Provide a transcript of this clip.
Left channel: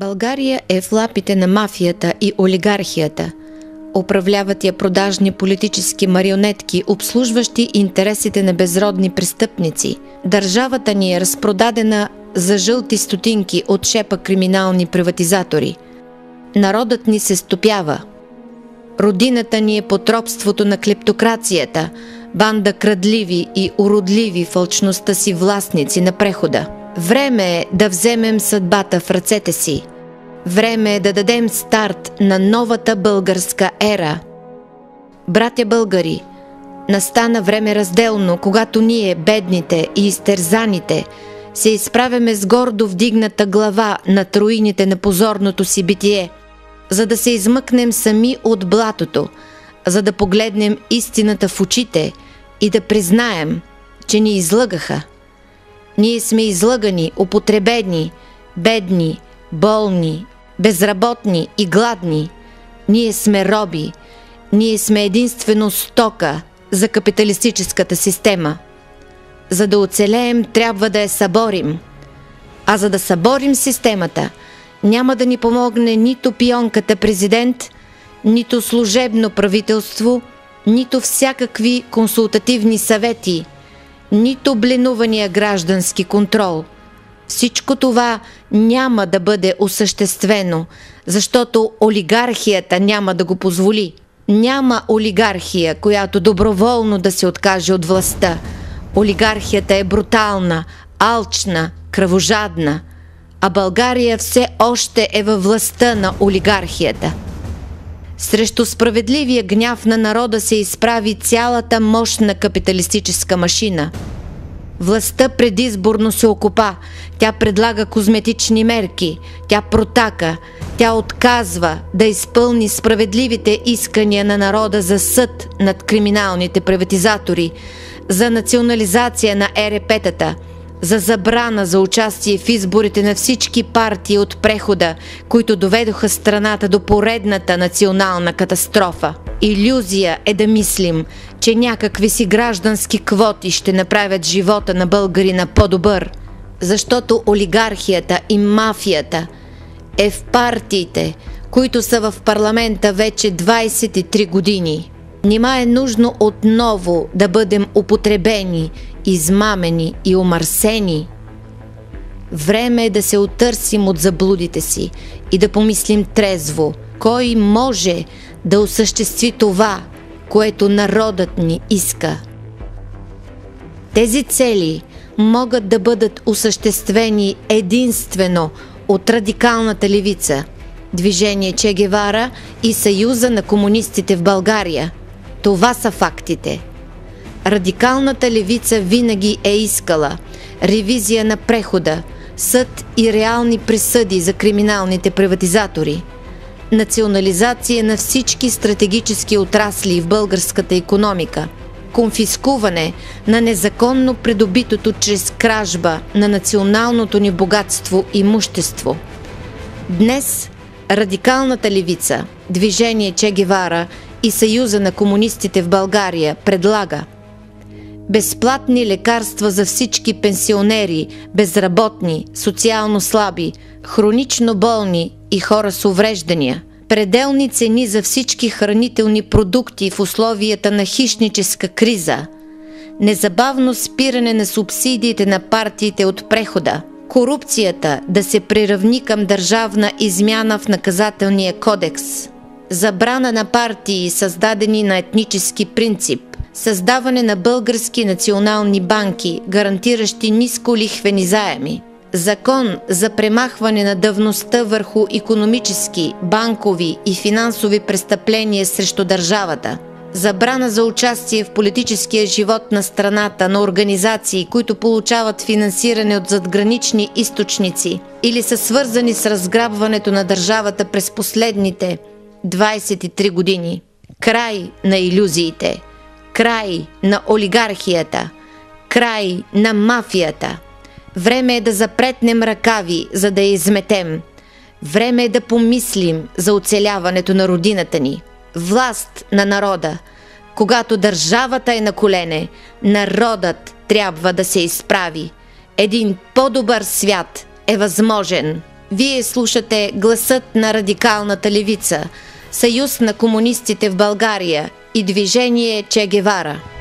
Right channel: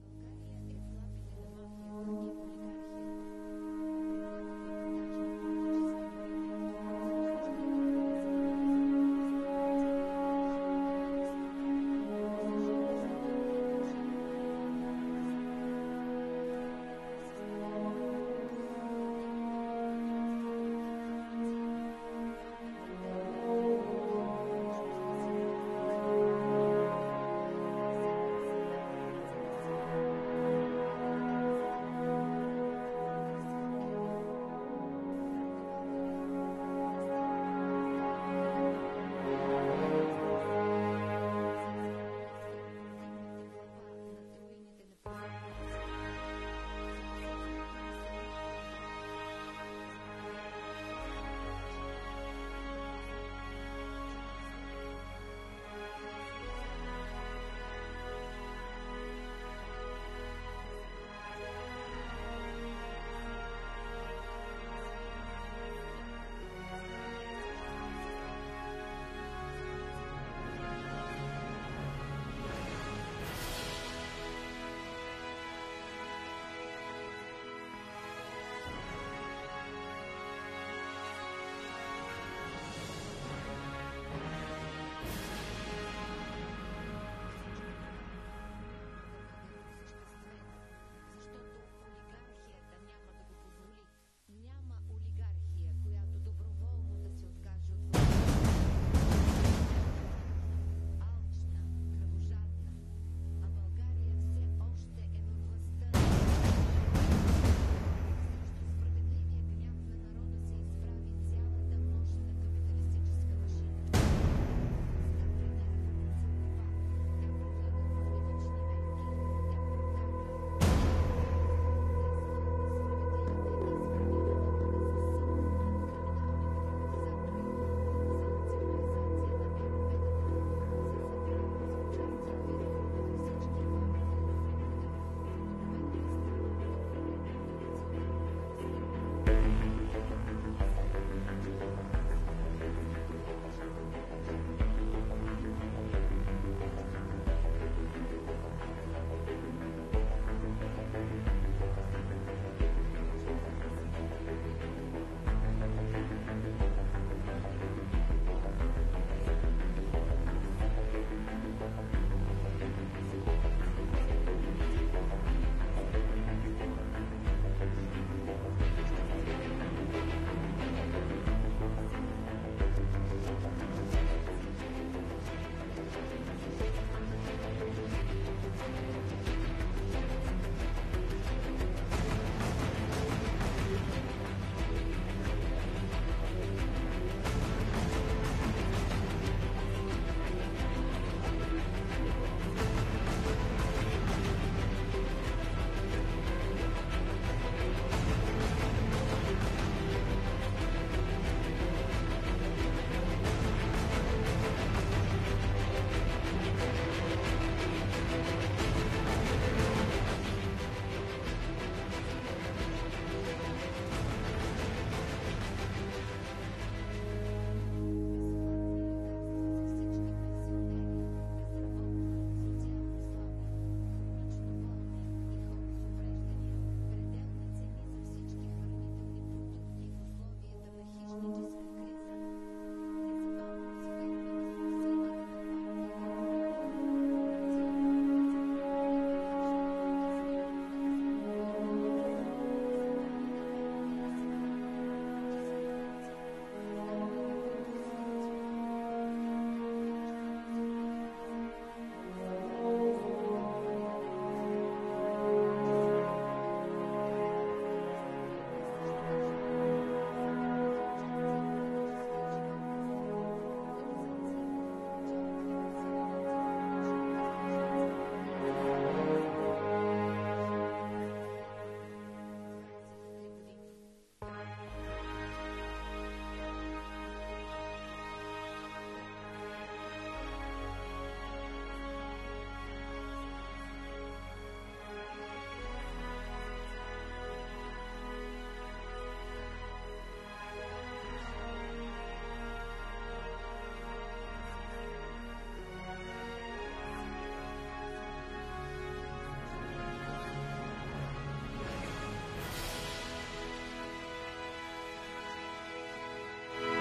България е в лапите на мафията и олигархията. Управляват я продажни политически марионетки, обслужващи интересите на безродни престъпници. Държавата ни е разпродадена за жълти стотинки от шепа криминални приватизатори. Народът ни се стопява. Родината ни е под робството на клептокрацията, банда крадливи и уродливи в алчността си властници на прехода. Време е да вземем съдбата в ръцете си. Време е да дадем старт на новата българска ера. Братя българи, настана време разделно, когато ние, бедните и изтерзаните, се изправяме с гордо вдигната глава над руините на позорното си битие, за да се измъкнем сами от блатото, за да погледнем истината в очите и да признаем, че ни излъгаха. Ние сме излъгани, употребени, бедни, болни, безработни и гладни. Ние сме роби. Ние сме единствено стока за капиталистическата система. За да оцелеем, трябва да я съборим. А за да съборим системата, няма да ни помогне нито пионката президент, нито служебно правителство, нито всякакви консултативни съвети, нито бленувания граждански контрол. Всичко това няма да бъде осъществено, защото олигархията няма да го позволи. Няма олигархия, която доброволно да се откаже от властта. Олигархията е брутална, алчна, кръвожадна, а България все още е във властта на олигархията. Срещу справедливия гняв на народа се изправи цялата мощна капиталистическа машина. Властта предизборно се окопа, тя предлага козметични мерки, тя протака, тя отказва да изпълни справедливите искания на народа за съд над криминалните приватизатори, за национализация на ЕРП-тата, за забрана за участие в изборите на всички партии от прехода, които доведоха страната до поредната национална катастрофа. Илюзия е да мислим, че някакви си граждански квоти ще направят живота на българина по-добър, защото олигархията и мафията е в партиите, които са в парламента вече 23 години. Нима е нужно отново да бъдем употребени, измамени и омърсени? Време е да се отърсим от заблудите си и да помислим трезво, кой може да осъществи това, което народът ни иска. Тези цели могат да бъдат осъществени единствено от радикалната левица, Движение Че Гевара и Съюза на комунистите в България. Това са фактите. Радикалната левица винаги е искала ревизия на прехода, съд и реални присъди за криминалните приватизатори, национализация на всички стратегически отрасли в българската икономика, конфискуване на незаконно придобитото чрез кражба на националното ни богатство и имущество. Днес радикалната левица, Движение Че Гевара и Съюза на комунистите в България предлага безплатни лекарства за всички пенсионери, безработни, социално слаби, хронично болни и хора с увреждания, пределни цени за всички хранителни продукти в условията на хищническа криза, незабавно спиране на субсидиите на партиите от прехода, корупцията да се приравни към държавна измяна в наказателния кодекс, забрана на партии, създадени на етнически принцип, създаване на български национални банки, гарантиращи нисколихвени заеми, закон за премахване на давността върху икономически, банкови и финансови престъпления срещу държавата, забрана за участие в политическия живот на страната на организации, които получават финансиране от задгранични източници или са свързани с разграбването на държавата през последните 23 години. Край на илюзиите, край на олигархията, край на мафията. Време е да запретнем ръкави, за да я изметем. Време е да помислим за оцеляването на родината ни. Власт на народа. Когато държавата е на колене, народът трябва да се изправи. Един по-добър свят е възможен. Вие слушате гласът на радикалната левица, Съюз на комунистите в България и движение Че Гевара.